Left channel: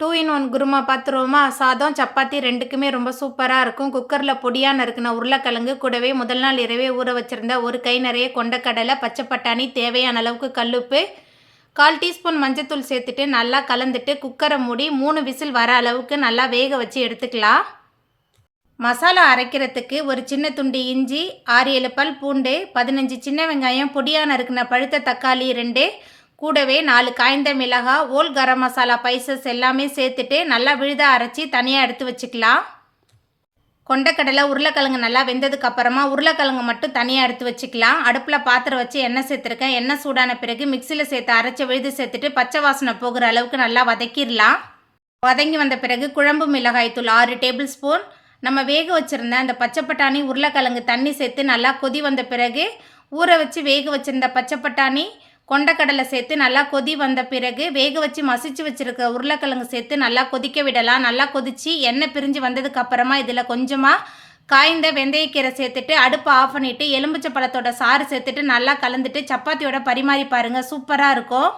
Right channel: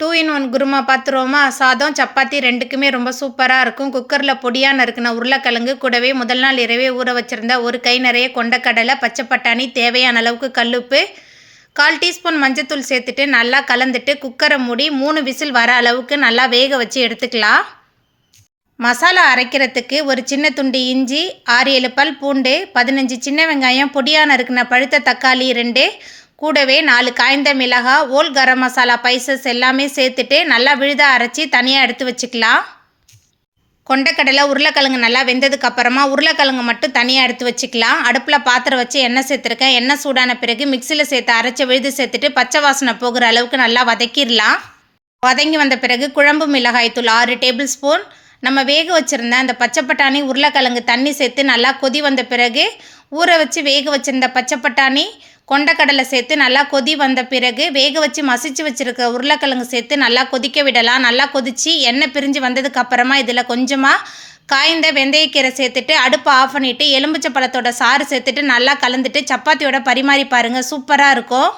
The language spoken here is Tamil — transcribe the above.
2 in 1 குருமா பார்த்துருவோமா? சாதம், சப்பாத்தி 2க்குமே ரொம்ப சூப்பராக இருக்கும். குக்கரில் பொடியாக நறுக்கின உருளைக்கிழங்கு கூடவே முதல் நாள் இரவே ஊற வச்சுருந்த ஒரு கை நிறைய கொண்டக்கடலை, பச்சை பட்டாணி, தேவையான அளவுக்கு கல்லுப்பு, 1/4 டீஸ்பூன் மஞ்சத்தூள் சேர்த்துட்டு நல்லா கலந்துட்டு குக்கரை மூடி 3 விசில் வர அளவுக்கு நல்லா வேக வச்சு எடுத்துக்கலாம். மசாலா அரைக்கிறதுக்கு ஒரு சின்ன துண்டு இஞ்சி, 6-7 பல் பூண்டு, 15 சின்ன வெங்காயம், பொடியாக நறுக்கின பழுத்த தக்காளி 2, கூடவே 4 காய்ந்த மிளகாய், ஓல் கரம் மசாலா பைசஸ் எல்லாமே சேர்த்துட்டு நல்லா விழுதாக அரைச்சி தனியாக எடுத்து வச்சுக்கலாம். கொண்டக்கடலை, உருளைக்கிழங்கு நல்லா வெந்ததுக்கு அப்புறமா உருளைக்கிழங்கு மட்டும் தனியாக எடுத்து வச்சுக்கலாம். அடுப்பில் பாத்திரம் வச்சு எண்ணெய் சேர்த்துருக்கேன். எண்ணெய் சூடான பிறகு மிக்சியில் சேர்த்து அரைச்சி விழுது சேர்த்துட்டு பச்சை வாசனை போகிற அளவுக்கு நல்லா வதக்கிடலாம். வதங்கி வந்த பிறகு குழம்பு மிளகாய் தூள் 6 டேபிள் ஸ்பூன், நம்ம வேக வச்சுருந்த அந்த பச்சை பட்டாணி, உருளைக்கிழங்கு தண்ணி சேர்த்து நல்லா கொதி வந்த பிறகு ஊற வச்சு வேக வச்சுருந்த பச்சை பட்டாணி, கொண்டக்கடலை சேர்த்து நல்லா கொதி வந்த பிறகு வேக வச்சு மசிச்சு வச்சுருக்க உருளைக்கிழங்கு சேர்த்து நல்லா கொதிக்க விடலாம். நல்லா கொதித்து எண்ணெய் பிரிஞ்சு வந்ததுக்கு அப்புறமா இதில் கொஞ்சமாக காய்ந்த வெந்தயக்கீரை சேர்த்துட்டு அடுப்பை ஆஃப் பண்ணிவிட்டு எலுமிச்சை பழத்தோட சாறு சேர்த்துட்டு நல்லா கலந்துட்டு சப்பாத்தியோட பரிமாறி பாருங்கள், சூப்பராக இருக்கும்.